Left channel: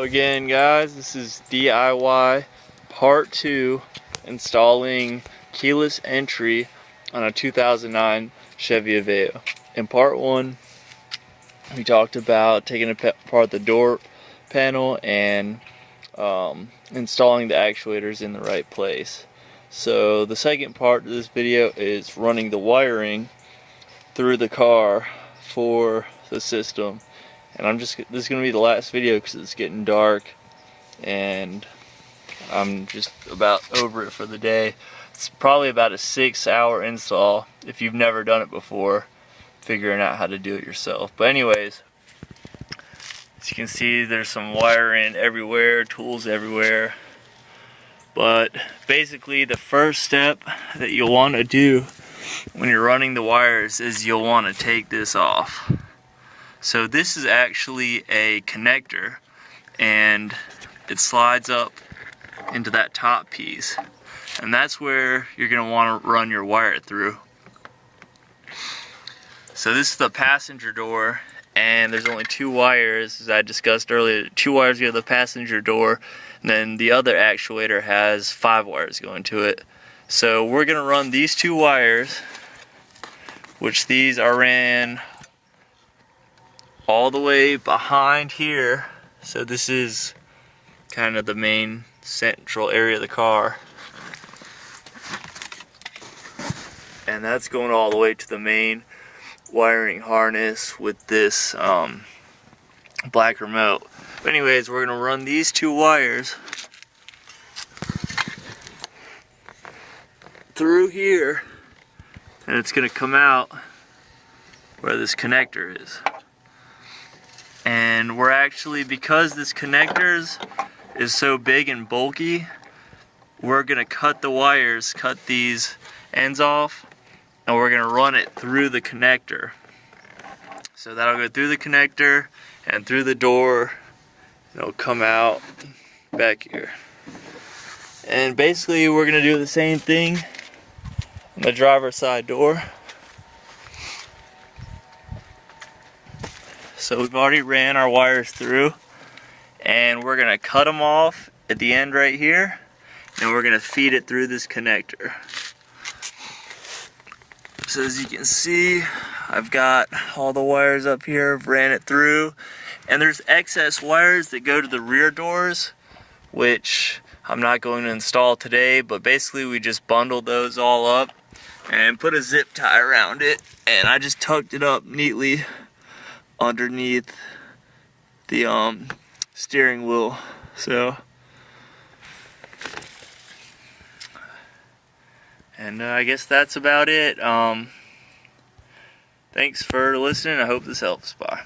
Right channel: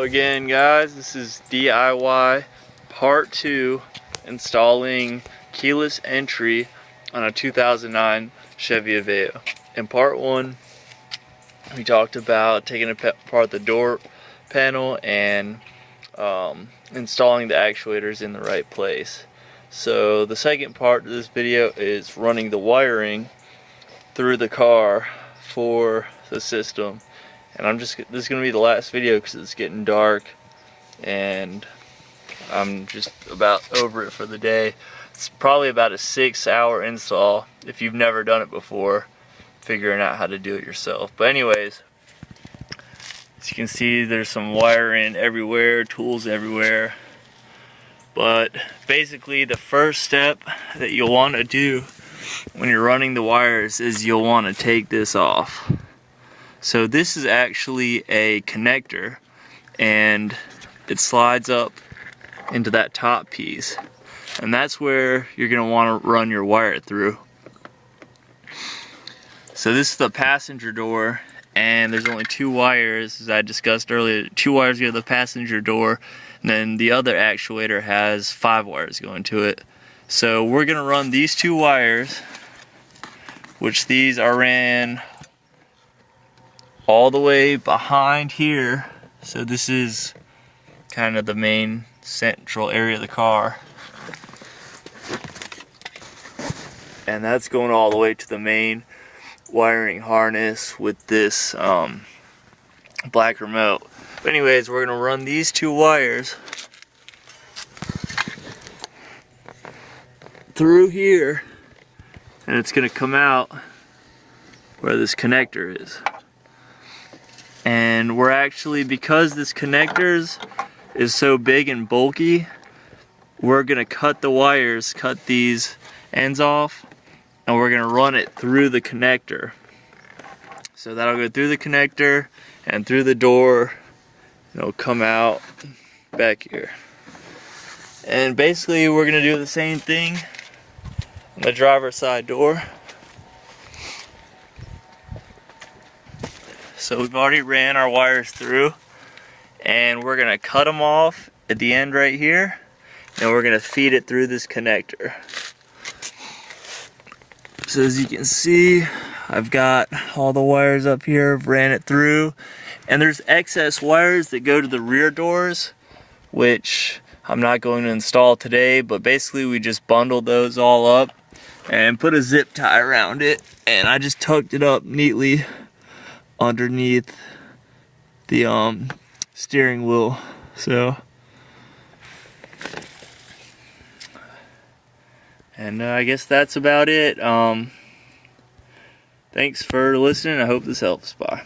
Hello again, guys. This is DIY part 2, installing keyless entry on a 2009 Chevy Aveo. In part 1, we talked about taking apart the door panel and installing the actuators in the right place. So the second part of this video is running the wiring through the car for the system. And this is going to be the last video because it's getting dark and I'm just about over it for the day. It's probably about a 6-hour install if you've never done it before, figuring out how to do it yourself. But anyways, as you can see, there's some wiring everywhere, tools everywhere. But basically the first step that you'll want to do when you're running the wires is you'll want to take this off. So this is actually a connector, and it slides up into that top piece, and that's where you're going to want to run your wire through. So this is the passenger door, and there's only 2 wires, as I discussed earlier. 2 wires go to the passenger door, and then the other actuator has 5 wires going to it. So we're going to run these 2 wires, which these are ran all the way behind here. So this is kind of the main central area of the car, and that's going all the way to the main wiring harness with this black remote. But anyways, we're going to run these 2 wires through here, and it's going to come out where this connector is. And we're actually, because this connector is so big and bulky, we're going to cut the wires, cut these ends off, and we're going to run it through the connector. So that'll go through the connector and through the door, and it'll come out back here. And basically we're going to do the same thing on the driver's side door. So we've already ran our wires through, and we're going to cut them off at the end right here, and we're going to feed it through this connector. So as you can see, I've got all the wires up here, I've ran it through, and there's excess wires that go to the rear doors, which I'm not going to install today, but basically we just bundled those all up and put a zip tie around it, and I just tucked it up neatly underneath the steering wheel. So, and I guess that's about it. Thanks for listening. I hope this helps. Bye.